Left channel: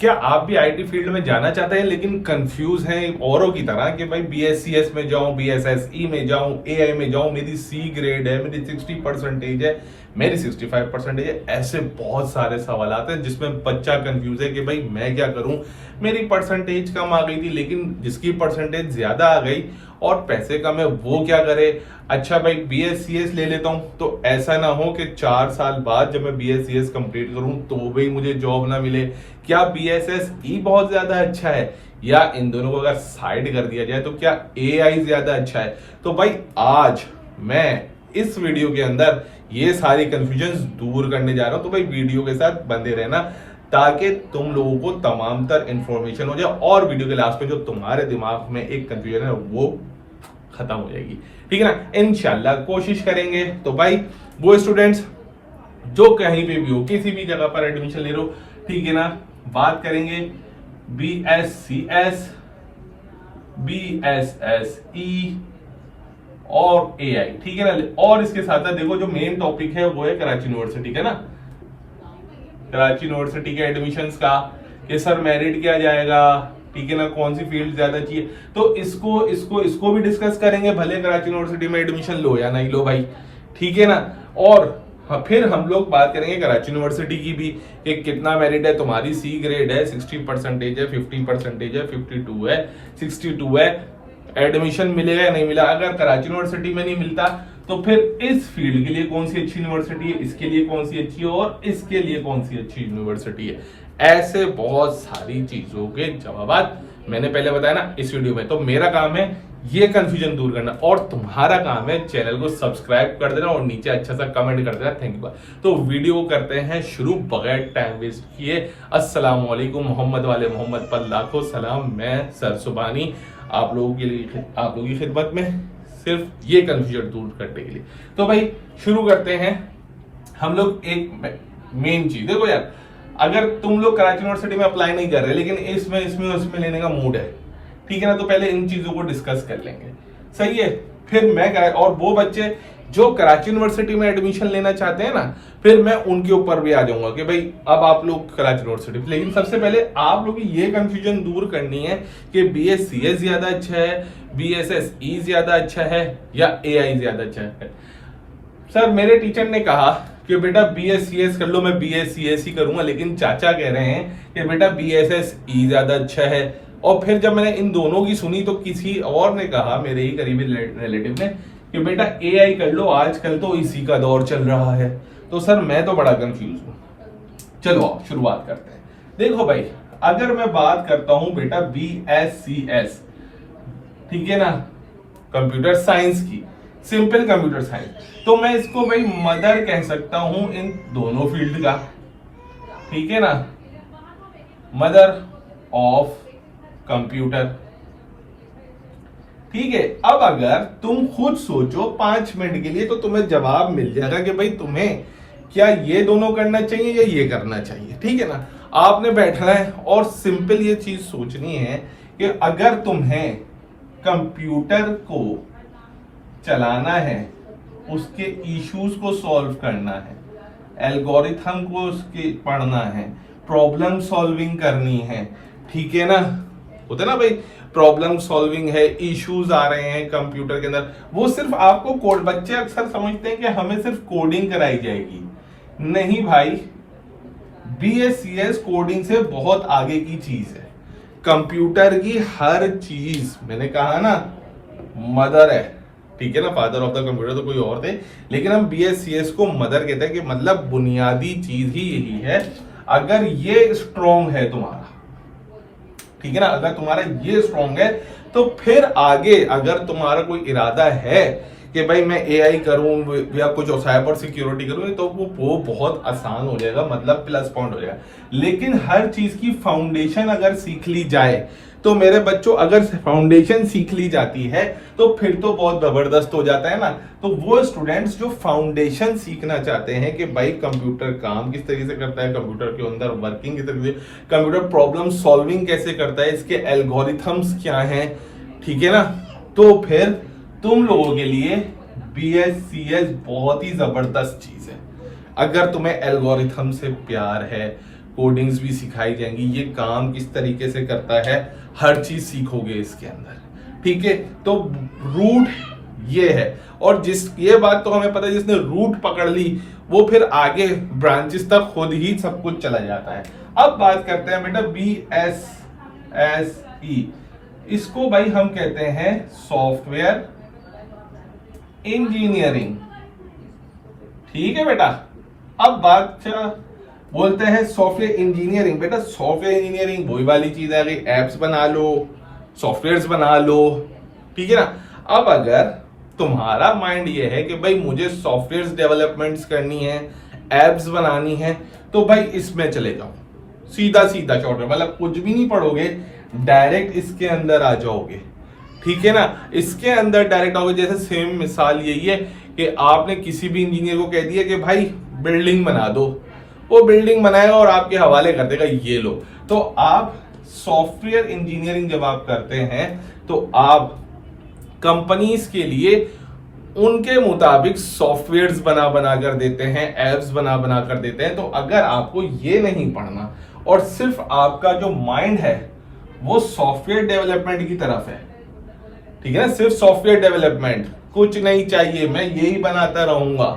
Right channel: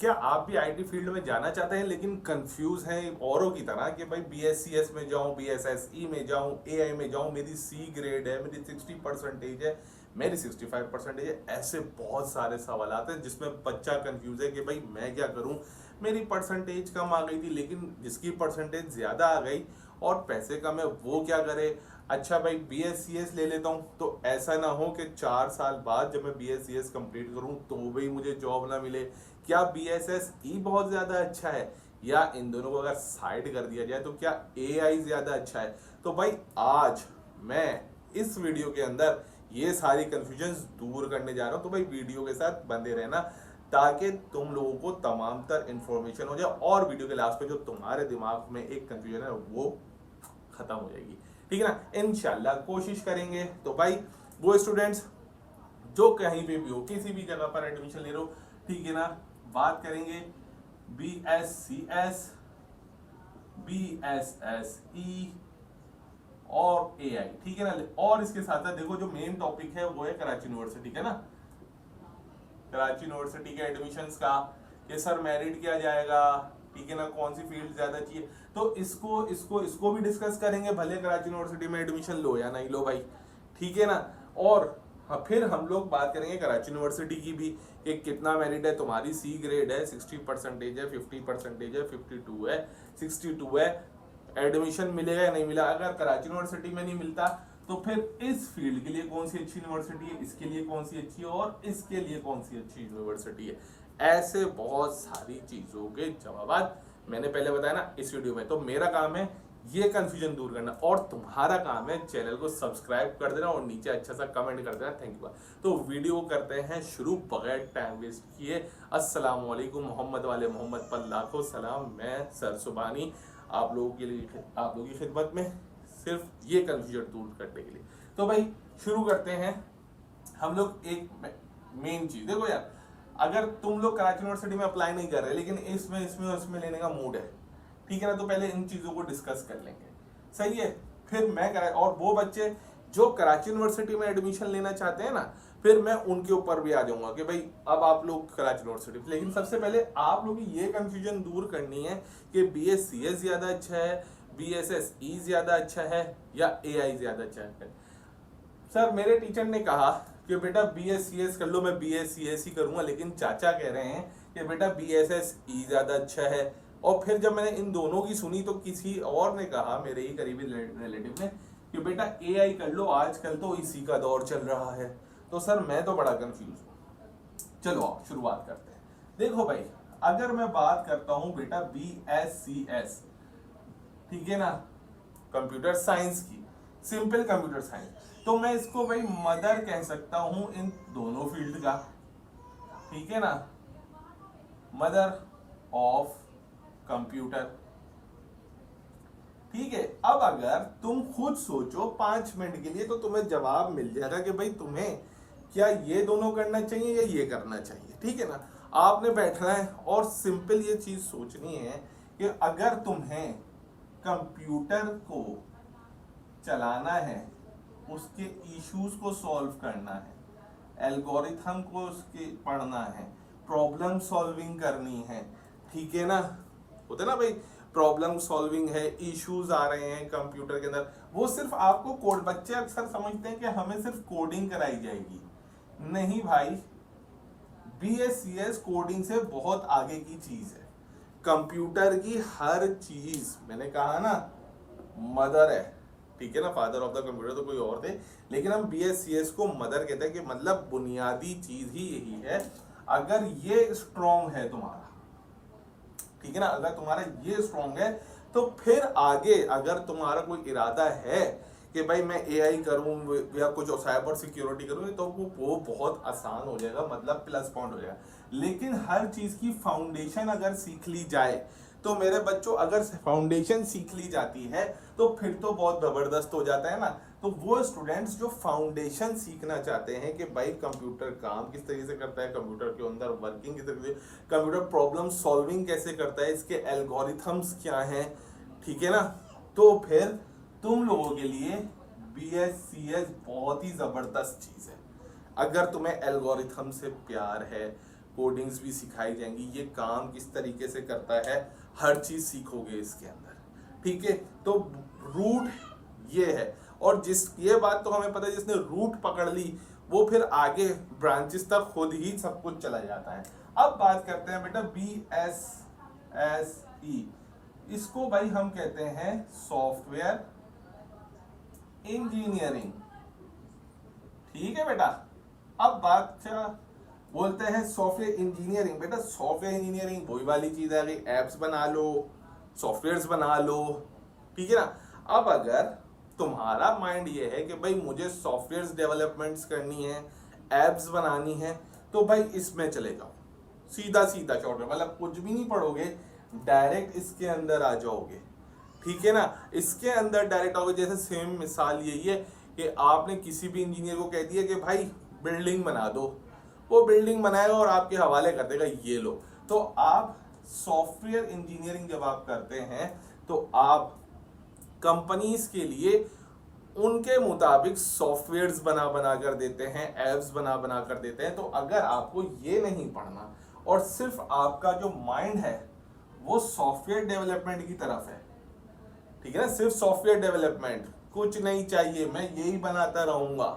क्या आप भी आईटी फील्ड में जाना चाहते हैं लेकिन कंफ्यूज हैं औरों की तरह कि भाई बीएससीएस में जाऊं, बीएसएसई में जाऊं, एआई में जाऊं, मेरी सी ग्रेड है, मेरी 60% है, मेरी 65% है। ऐसे बहुत सारे सवाल आते हैं जिसमें बच्चा कंफ्यूज है कि भाई मैं क्या करूं, मेरी परसेंटेज कम आ गई थी लेकिन जिसकी परसेंटेज ज्यादा आ गई और पैसे कम है वो क्या करे। अच्छा भाई बीएससीएस ले लेता हूं तो ऐसा ना हो कि 4 साल बाद जब मैं बीएससीएस कंप्लीट करूं तो भी मुझे जॉब ना मिले। क्या बीएसएसई बहुत ज्यादा अच्छा है या इन दोनों को अगर साइड कर दिया जाए तो क्या एआई ज्यादा अच्छा है। तो भाई आज मैं इस वीडियो के अंदर ये सारी कंफ्यूजन दूर करने जा रहा हूं। तो भाई वीडियो के साथ बंधे रहना ताकि तुम लोगों को तमाम तर इंफॉर्मेशन हो जाए और वीडियो के लास्ट में जो तुम्हारे दिमाग में एक कंफ्यूजन है वो खत्म हो जाएगी। ठीक है ना, इंशाल्लाह कोशिश करेंगे। तो भाई वो स्टूडेंट्स जो कहीं पे भी हो, किसी भी जगह पर एडमिशन ले रहे हो, ठीक है ना, बात करेंगे बीएससीएस, बीएसएसई और एआई। ठीक है ना। और इसके साथ साथ देखो जो मेन टॉपिक है वो है कराची यूनिवर्सिटी का ना, कराची यूनिवर्सिटी के एडमिशंस का कि सर मेरिट क्या जाएगा, ठीक है ना, कौन सी फील्ड ज्यादा चाहिए। तो इसको भी डिस्कस करेंगे, भले कराची यूनिवर्सिटी में एडमिशन लो या नहीं लो भाई, ठीक है ना। और हाँ, फिर हम लोग बात करेंगे कराची यूनिवर्सिटी की भी कि कितना मेरिट है, तुम्हारी सी ग्रेड है, 60% है, 50% है, 52 है, 62 है, एडमिशन मिलेगा या नहीं मिला। अगर कराची यूनिवर्सिटी में नहीं मिलता तो फिर इस फील्ड के लिए कौन सी अच्छी यूनिवर्सिटी है, इसके लिए कौन सी अच्छी है और इसके लिए कौन सी अच्छी यूनिवर्सिटी है। ऐसे बहुत सारी चीजों के जवाब मैंने पहले बताया ना इस वीडियो में। तो मेरा काम है ये कंफ्यूजन दूर करना और तुम्हारा काम है चैनल को सब्सक्राइब कर देना और नीचे अच्छा सा कमेंट कर देना। Thank you. तो वीडियो को करते हैं शुरू बगैर टाइम वेस्ट किए। अस्सलाम वालेकुम, मोहम्मद वाले मोहम्मद पर लाखों सलाम। मैं सर सुबानी आप लोगों के लिए, आप लोगों की खिदमत में सिर्फ ये कंफ्यूजन दूर करने के लिए। तो भाई शुरू करते हैं हम लोग। एक मेन चीज देखो यार, अगर तुम लोग कराची यूनिवर्सिटी में अप्लाई नहीं कर रहे लेकिन इसमें उसमें लेने का मूड है, ठीक है ना, तो पहले इन चीजों को डिस्कस कर लेंगे, सही है। फिर मैं और वो बच्चे जो कराची यूनिवर्सिटी में एडमिशन लेना चाहते हैं ना, फिर मैं उनके ऊपर भी आ जाऊंगा कि भाई अब आप लोग कराची यूनिवर्सिटी। लेकिन सबसे पहले आप लोग ये कंफ्यूजन दूर करनी है कि बीएससीएस ज्यादा अच्छा है, बीएसएसई ज्यादा अच्छा है या एआई ज्यादा अच्छा है। सर मेरे टीचर ने कहा कि बेटा बीएससीएस कर लो, मैं बीएससीएस ही करूंगा, लेकिन चाचा कह रहे हैं कि बेटा बीएसएसई ज्यादा अच्छा है। और फिर जब मैंने इन दोनों की सुनी तो किसी और ने कहा, मेरे ही करीबी रिलेटिव ने, कि बेटा एआई कर लो, आजकल तो इसी का दौर चल रहा है। तो सर मैं तो बड़ा कंफ्यूज हूं। चलो आओ शुरुआत करते हैं। देखो भाई, अगर मैं बात करता हूं बेटा बीएससीएस, ठीक है ना, कंप्यूटर साइंस की, सिंपल कंप्यूटर साइंस, तो मैं इसको भाई मदर कह सकता हूं इन दोनों फील्ड का, ठीक है ना, मदर ऑफ कंप्यूटर। ठीक है। अब अगर तुम खुद सोचो 5 मिनट के लिए तो तुम्हें जवाब मिल जाएगा कि भाई तुम्हें क्या ये दोनों करना चाहिए या ये करना चाहिए। ठीक है ना, आपने बैठना है और सिंपल ये चीज सोचनी है कि अगर तुम्हें कंप्यूटर को चलाना है, उसके इश्यूज को सॉल्व करना है, एल्गोरिथम को उसके पढ़ना है, प्रॉब्लम सॉल्विंग करनी है, ठीक है ना, होता है ना भाई, प्रॉब्लम सॉल्विंग है, इश्यूज आ रहे हैं कंप्यूटर के अंदर, वो सिर्फ आपको कोड, बच्चे अक्सर समझते हैं कि हमें सिर्फ कोडिंग कराई जाएगी। नहीं भाई, बीएससीएस कोडिंग से बहुत आगे की चीज है। कंप्यूटर की हर चीज, मैंने कहा ना, मदर है, ठीक है ना, फादर ऑफ द कंप्यूटर तो कोई और थे, लेकिन हम बीएससीएस को मदर कहते हैं कि मतलब बुनियादी चीज ही यही है। अगर ये स्ट्रॉन्ग है तुम्हारा, ठीक है ना, अगर तुम्हारा ये स्ट्रॉन्ग है तो फिर आगे अगर तुम्हारा कोई इरादा है कि भाई मैं एआई करूं या कुछ साइबर सिक्योरिटी करूं, तो वो बहुत आसान हो जाएगा, मतलब प्लस पॉइंट हो जाएगा। लेकिन हर चीज की फाउंडेशन अगर सीख ली जाए तो मेरे बच्चों, अगर फाउंडेशन सीख ली जाती है तो फिर तो बहुत जबरदस्त हो जाता है ना। तो वो स्टूडेंट्स जो फाउंडेशन सीखना चाहते हैं कि भाई कंप्यूटर काम किस तरीके से करता है, कंप्यूटर के अंदर वर्किंग किस तरीके से, कंप्यूटर प्रॉब्लम सॉल्विंग कैसे करता है, इसके एल्गोरिथम्स क्या हैं, ठीक है ना, तो फिर तुम लोगों के लिए बीएससीएस बहुत ही जबरदस्त चीज है। अगर तुम्हें एल्गोरिथम से प्यार है, कोडिंग्स भी सिखाई जाएंगी, ये काम किस तरीके से करता है हर चीज सीखोगे इसके अंदर, ठीक है। तो रूट ये है, और ये बात तो हमें पता है, जिसने रूट पकड़ ली वो फिर आगे ब्रांचेस तक खुद ही सब कुछ चला जाता है। अब बात करते हैं बेटा BSSE, इसको भाई हम कहते हैं सॉफ्टवेयर इंजीनियरिंग, ठीक है बेटा। अब बात बोलते हैं सॉफ्टवेयर इंजीनियरिंग। बेटा सॉफ्टवेयर इंजीनियरिंग वही वाली चीज है, एप्स बना लो, सॉफ्टवेयर्स बना लो, ठीक है ना। अब अगर तुम्हारा माइंड ये है कि भाई मुझे सॉफ्टवेयर डेवलपमेंट्स करनी है, एप्स बनानी है, तो भाई इसमें चले जाओ, सीधा सीधा शॉर्ट में, मतलब कुछ भी नहीं पढ़ोगे, डायरेक्ट इसके अंदर आ जाओगे, ठीक है ना। इसके अंदर डायरेक्ट आओगे। जैसे सेम मिसाल यही है कि आपने किसी भी इंजीनियर को कह दिया कि भाई बिल्डिंग बना दो, वो बिल्डिंग बनाएगा और आपके हवाले कर देगा, ये लो। तो आप सॉफ्टवेयर इंजीनियरिंग जब आप करते हैं तो आप कंपनीज के लिए उनके मुताबिक सॉफ्टवेयर्स बना बना कर देते हैं, एप्स बना बना कर देते हैं। तो अगर आपको ये नहीं पढ़ना और सिर्फ आपका जो माइंड है वो सॉफ्टवेयर डेवलपमेंट की तरफ है, ठीक है ना, सिर्फ सॉफ्टवेयर डेवलपमेंट, कुछ नहीं चाहिए, मैं यही बनाता रहूंगा,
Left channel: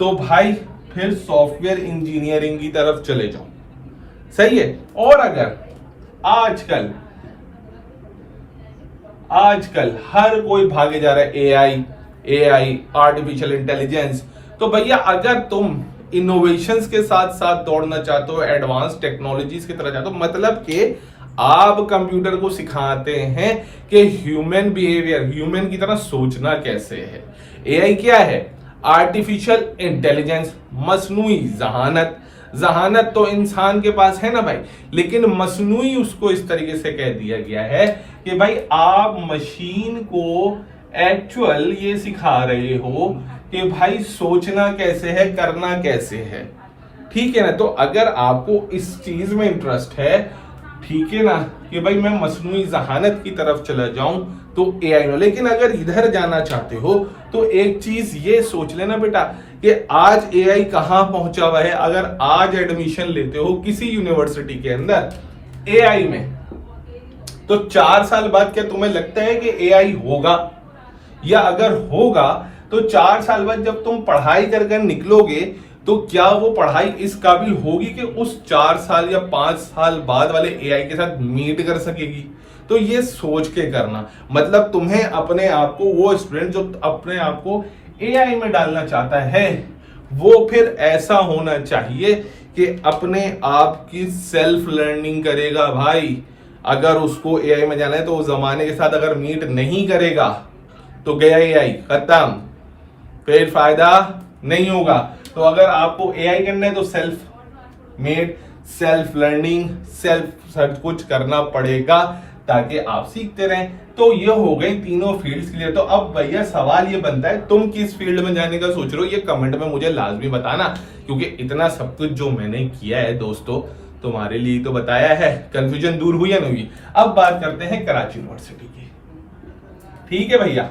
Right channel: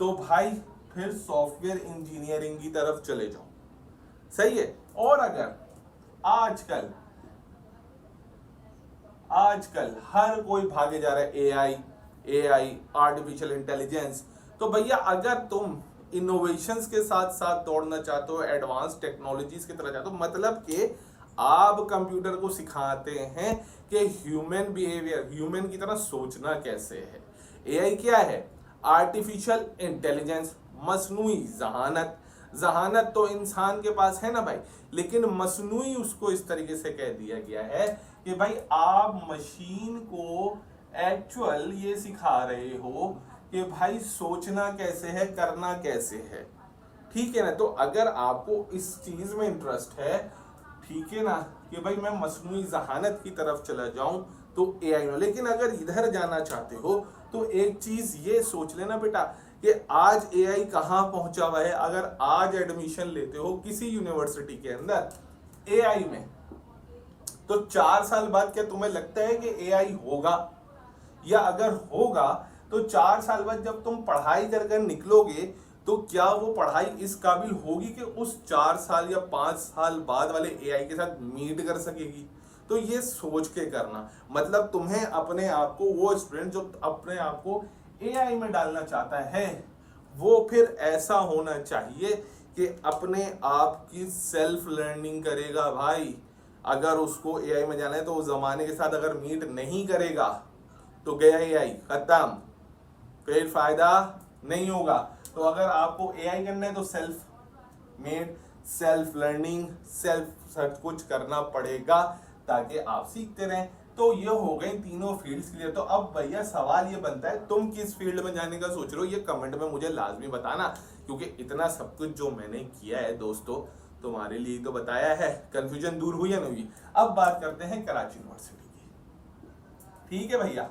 तो भाई फिर सॉफ्टवेयर इंजीनियरिंग की तरफ चले जाओ, सही है। और अगर आजकल हर कोई भागे जा रहा है एआई आर्टिफिशियल इंटेलिजेंस, तो भैया अगर तुम इनोवेशंस के साथ साथ दौड़ना चाहते हो, एडवांस टेक्नोलॉजीज की तरह चाहते हो, मतलब कि आप कंप्यूटर को सिखाते हैं कि ह्यूमन बिहेवियर, ह्यूमन की तरह सोचना कैसे है। एआई क्या है? Artificial intelligence, मसनूई जहानत। जहानत तो इंसान के पास है ना भाई, लेकिन मसनूई उसको इस तरीके से कह दिया गया है कि भाई आप मशीन को एक्चुअल ये सिखा रहे हो कि भाई सोचना कैसे है, करना कैसे है, ठीक है ना। तो अगर आपको इस चीज में इंटरेस्ट है, ठीक है ना, कि भाई मैं मसनूई जहानत की तरफ चला जाऊं तो एआई में, लेकिन अगर इधर जाना चाहते हो तो एक चीज ये सोच लेना बेटा कि आज एआई कहां पहुंचा हुआ है। अगर आज एडमिशन लेते हो किसी यूनिवर्सिटी के अंदर एआई में, तो 4 साल बाद क्या तुम्हें लगता है कि एआई होगा? या अगर होगा तो 4 साल बाद जब तुम पढ़ाई कर निकलोगे तो क्या वो पढ़ाई इस काबिल होगी कि उस 4 साल या 5 साल बाद वाले एआई के साथ मीट कर सकेगी? तो ये सोच के करना, मतलब तुम्हें अपने आप को, वो स्टूडेंट जो अपने आप को एआई में डालना चाहता है, वो फिर ऐसा होना चाहिए कि अपने आप की सेल्फ लर्निंग करेगा भाई। अगर उसको एआई में जाना है तो वो जमाने के साथ अगर मीट नहीं करेगा तो गया एआई, खत्म, फिर फायदा नहीं होगा। तो अगर आपको एआई करना है तो self made, self learning, self search कुछ करना पड़ेगा ताकि आप सीखते रहें। तो ये हो गई तीनों फील्ड्स क्लियर। तो अब भैया सवाल ये बनता है, तुम किस फील्ड में जाने का सोच रहे हो? ये कमेंट में मुझे लाजमी बताना, क्योंकि इतना सब कुछ जो मैंने किया है दोस्तों तुम्हारे लिए तो बताया है। कंफ्यूजन दूर हुई या नहीं हुई? अब बात करते हैं कराची यूनिवर्सिटी की, ठीक है भैया,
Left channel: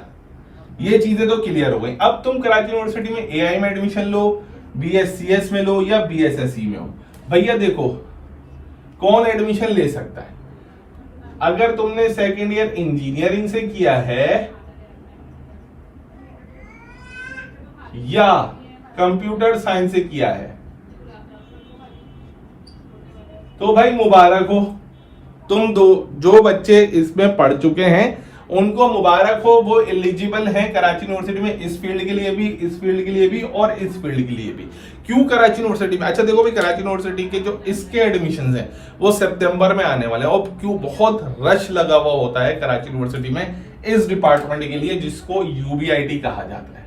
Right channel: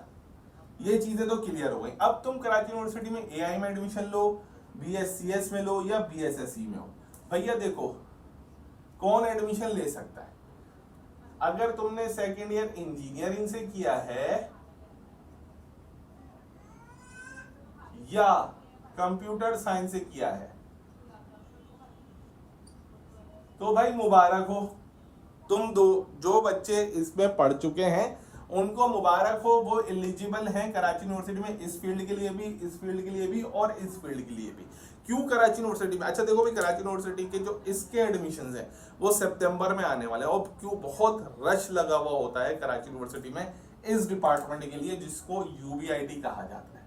ये चीजें तो क्लियर हो गई। अब तुम कराची यूनिवर्सिटी में एआई में एडमिशन लो, बीएससीएस में लो या बीएसएसई में हो, भैया देखो कौन एडमिशन ले सकता है। अगर तुमने सेकेंड ईयर इंजीनियरिंग से किया है या कंप्यूटर साइंस से किया है तो भाई मुबारक हो, तुम जो बच्चे इसमें पढ़ चुके हैं उनको मुबारक हो, वो एलिजिबल हैं कराची यूनिवर्सिटी में, इस फील्ड के लिए भी, इस फील्ड के लिए भी और इस फील्ड के लिए भी। क्यों कराची यूनिवर्सिटी में? अच्छा देखो भाई, कराची यूनिवर्सिटी के जो इसके एडमिशंस हैं वो सितंबर में आने वाले हैं, और क्यों बहुत रश लगा हुआ होता है कराची यूनिवर्सिटी में इस डिपार्टमेंट के लिए जिसको यूबीआईटी कहा जाता है।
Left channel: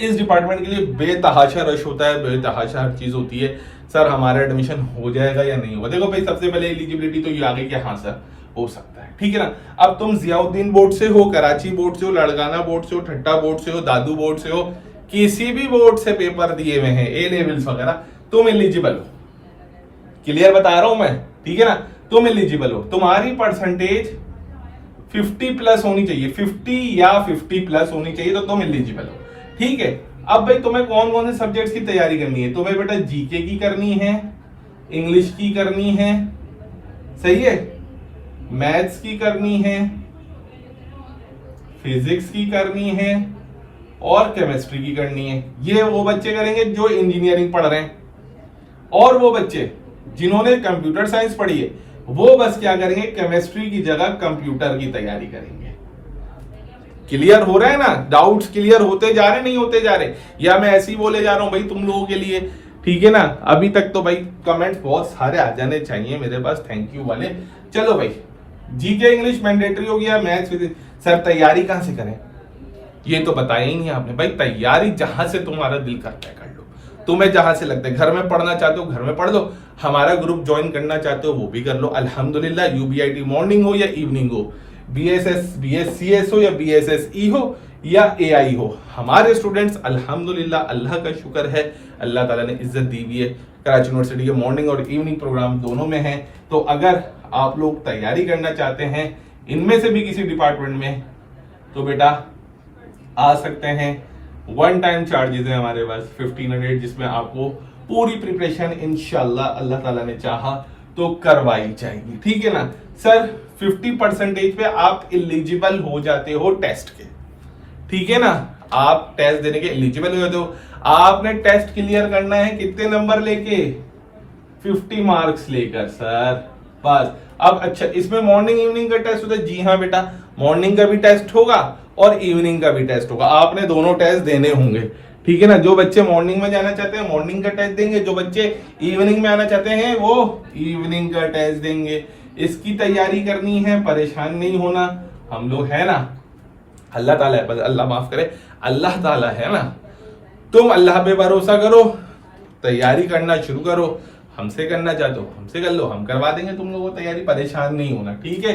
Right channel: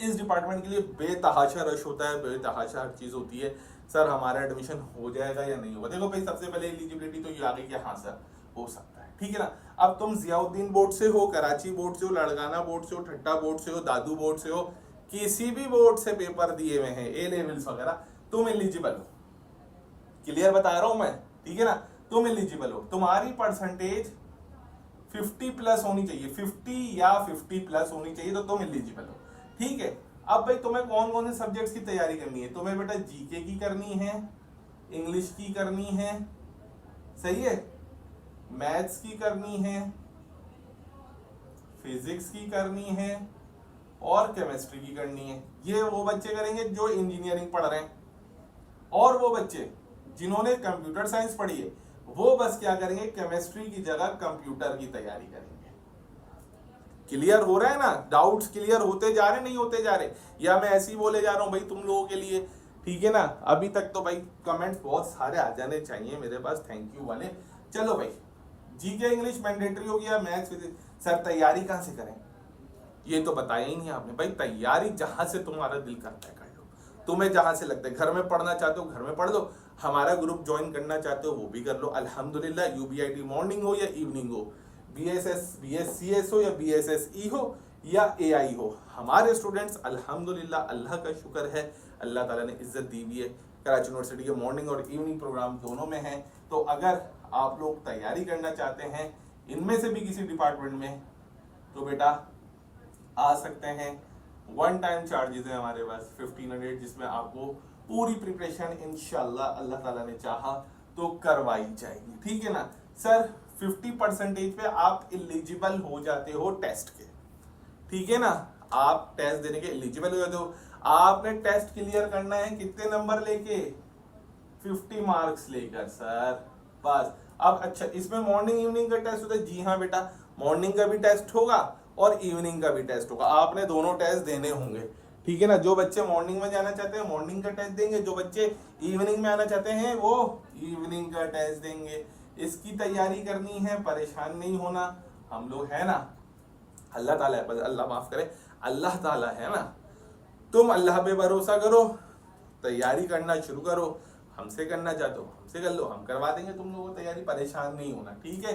इस डिपार्टमेंट के लिए बेतहाशा रश होता है, बेतहाशा हर चीज होती है। सर हमारा एडमिशन हो जाएगा या नहीं होगा? देखो भाई, सबसे पहले एलिजिबिलिटी तो ये आ गई कि हाँ सर हो सकता है, ठीक है ना। अब तुम जियाउद्दीन बोर्ड से हो, कराची बोर्ड से हो, लड़गाना बोर्ड से हो, ठट्टा बोर्ड से हो, दादू बोर्ड से हो, किसी भी बोर्ड से पेपर दिए हुए हैं, ए लेवल्स वगैरह, तुम एलिजिबल हो। क्लियर बता रहा हूं मैं, ठीक है ना, तुम एलिजिबल हो। तुम्हारी परसेंटेज 50 प्लस होनी चाहिए, 50 या 50 प्लस होनी चाहिए, तो तुम एलिजिबल हो, ठीक है। अब भाई तुम्हें कौन कौन से सब्जेक्ट्स की तैयारी करनी है? तुम्हें बेटा जीके की करनी है, इंग्लिश की करनी है, सही है, मैथ्स की करनी है, फिजिक्स की करनी है और केमिस्ट्री की करनी है। ये वो बच्चे करेंगे जो इंजीनियरिंग पढ़ रहे हैं, और वो बच्चे जिन्होंने कंप्यूटर साइंस पढ़ी है वो बस क्या करेंगे, केमिस्ट्री की जगह कंप्यूटर की तैयारी करेंगे। क्लियर हो रहा है ना, डाउट्स क्लियर होते जा रहे नहीं होते जा रहे, या मैं ऐसे ही बोले जा रहा हूं भाई तुम लोगों के लिए, ठीक है ना। अभी तक तो भाई कमेंट्स बहुत सारे आ जाने चाहिए मेरे पास, थैंक यू वाले। चलो भाई, जीके इंग्लिश मैंडेटरी हो गया, मैथ्स फिजिक्स। सर तैयारी कहां से करें, ये तो बताया ही नहीं आपने। भाई तैयारी जहां से तुम्हारा दिल करता है कर लो, तुम्हें जहां से लगता है। घर में पढ़ना चाहते हो घर में पढ़ लो, हमारा ग्रुप ज्वाइन करना चाहते हो वो भी कर लो, अल्हम्दुलिल्लाह। यूबीआईटी मॉर्निंग हो या इवनिंग हो, बीएसएस बीएससीएस हो या बीएसएसई हो या एआई हो, हमारे स्टूडेंट्स अल्हम्दुलिल्लाह, अल्लाह का शुक्र है, अल्लाह ताला ने इज्जत दी हुई है। कराची यूनिवर्सिटी के मॉर्निंग और इवनिंग प्रोग्राम दोनों में है। तो अगर आप लोग तैयारी करना चाहते हैं इनमें से भी किसी डिपार्टमेंट में, तो बेटा आ सकते हैं। वन टाइम चार्जेस है हमारे पास 1500, जिसमें आपको पूरी प्रिपरेशन इंशाल्लाह अल्लाह ताला ने चाहा तो करवाई जाएगी, ठीक है ना। सर 50% पे आप एलिजिबल हो जाते हो टेस्ट के, ठीक है ना, आप टेस्ट देने के एलिजिबल हो जाते हो। आपने टेस्ट क्लियर करना है कितने नंबर लेके, 50 मार्क्स लेकर सर, बस। अब अच्छा, इसमें मॉर्निंग इवनिंग का टेस्ट होता है? जी हाँ बेटा, मॉर्निंग का भी टेस्ट होगा और इवनिंग का भी टेस्ट होगा, आपने दोनों टेस्ट देने होंगे, ठीक है ना। जो बच्चे मॉर्निंग में जाना चाहते हैं मॉर्निंग का टेस्ट देंगे, जो बच्चे इवनिंग में आना चाहते हैं वो इवनिंग का टेस्ट देंगे। इसकी तैयारी करनी है, परेशान नहीं होना, हम लोग है ना, अल्लाह ताला है, अल्लाह माफ करे, अल्लाह ताला है ना। तुम अल्लाह पे भरोसा करो, तैयारी करना शुरू करो, हमसे करना चाहते हो हमसे कर लो, हम करवा देंगे तुम लोगों को तैयारी, परेशान नहीं होना, ठीक है।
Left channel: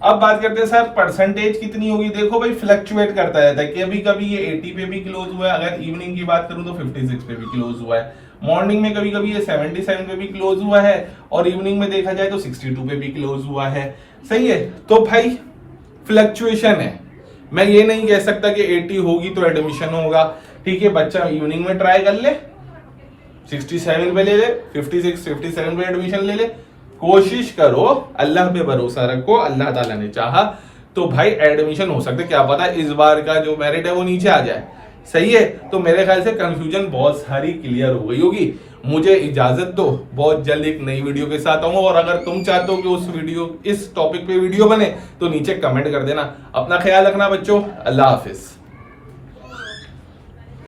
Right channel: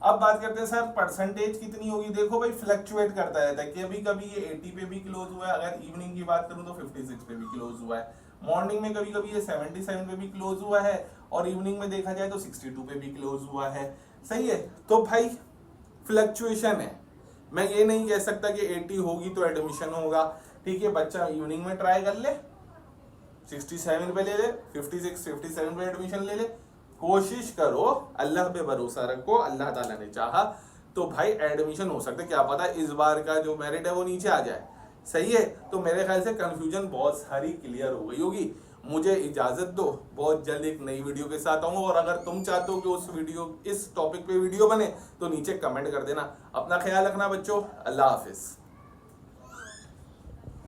अब बात करते हैं सर परसेंटेज कितनी होगी। देखो भाई फ्लक्चुएट करता रहता है, कभी कभी ये 80 पे भी क्लोज हुआ है, अगर इवनिंग की बात करूं तो 56 पे भी क्लोज हुआ है, मॉर्निंग में कभी कभी ये 77 पे भी क्लोज हुआ है, और इवनिंग में देखा जाए तो 62 पे भी क्लोज हुआ है, सही है। तो भाई फ्लक्चुएशन है, मैं ये नहीं कह सकता कि 80 होगी तो एडमिशन होगा, ठीक है। बच्चा इवनिंग में ट्राई कर ले, 67 पे ले ले, 56 57 पे एडमिशन ले ले, कोशिश करो, अल्लाह पे भरोसा रखो, अल्लाह ताला ने चाहा तो भाई एडमिशन हो सकता है, क्या पता इस बार का जो मेरिट है वो नीचे आ जाए, सही है। तो मेरे ख्याल से कंफ्यूजन बहुत सारी क्लियर हो गई होगी। मुझे इजाजत दो, बहुत जल्द एक नई वीडियो के साथ आऊंगा, और अगर तुम चाहते हो कि इस टॉपिक पे वीडियो बने तो नीचे कमेंट कर देना। अपना ख्याल रखना बच्चों, अल्लाह हाफिज।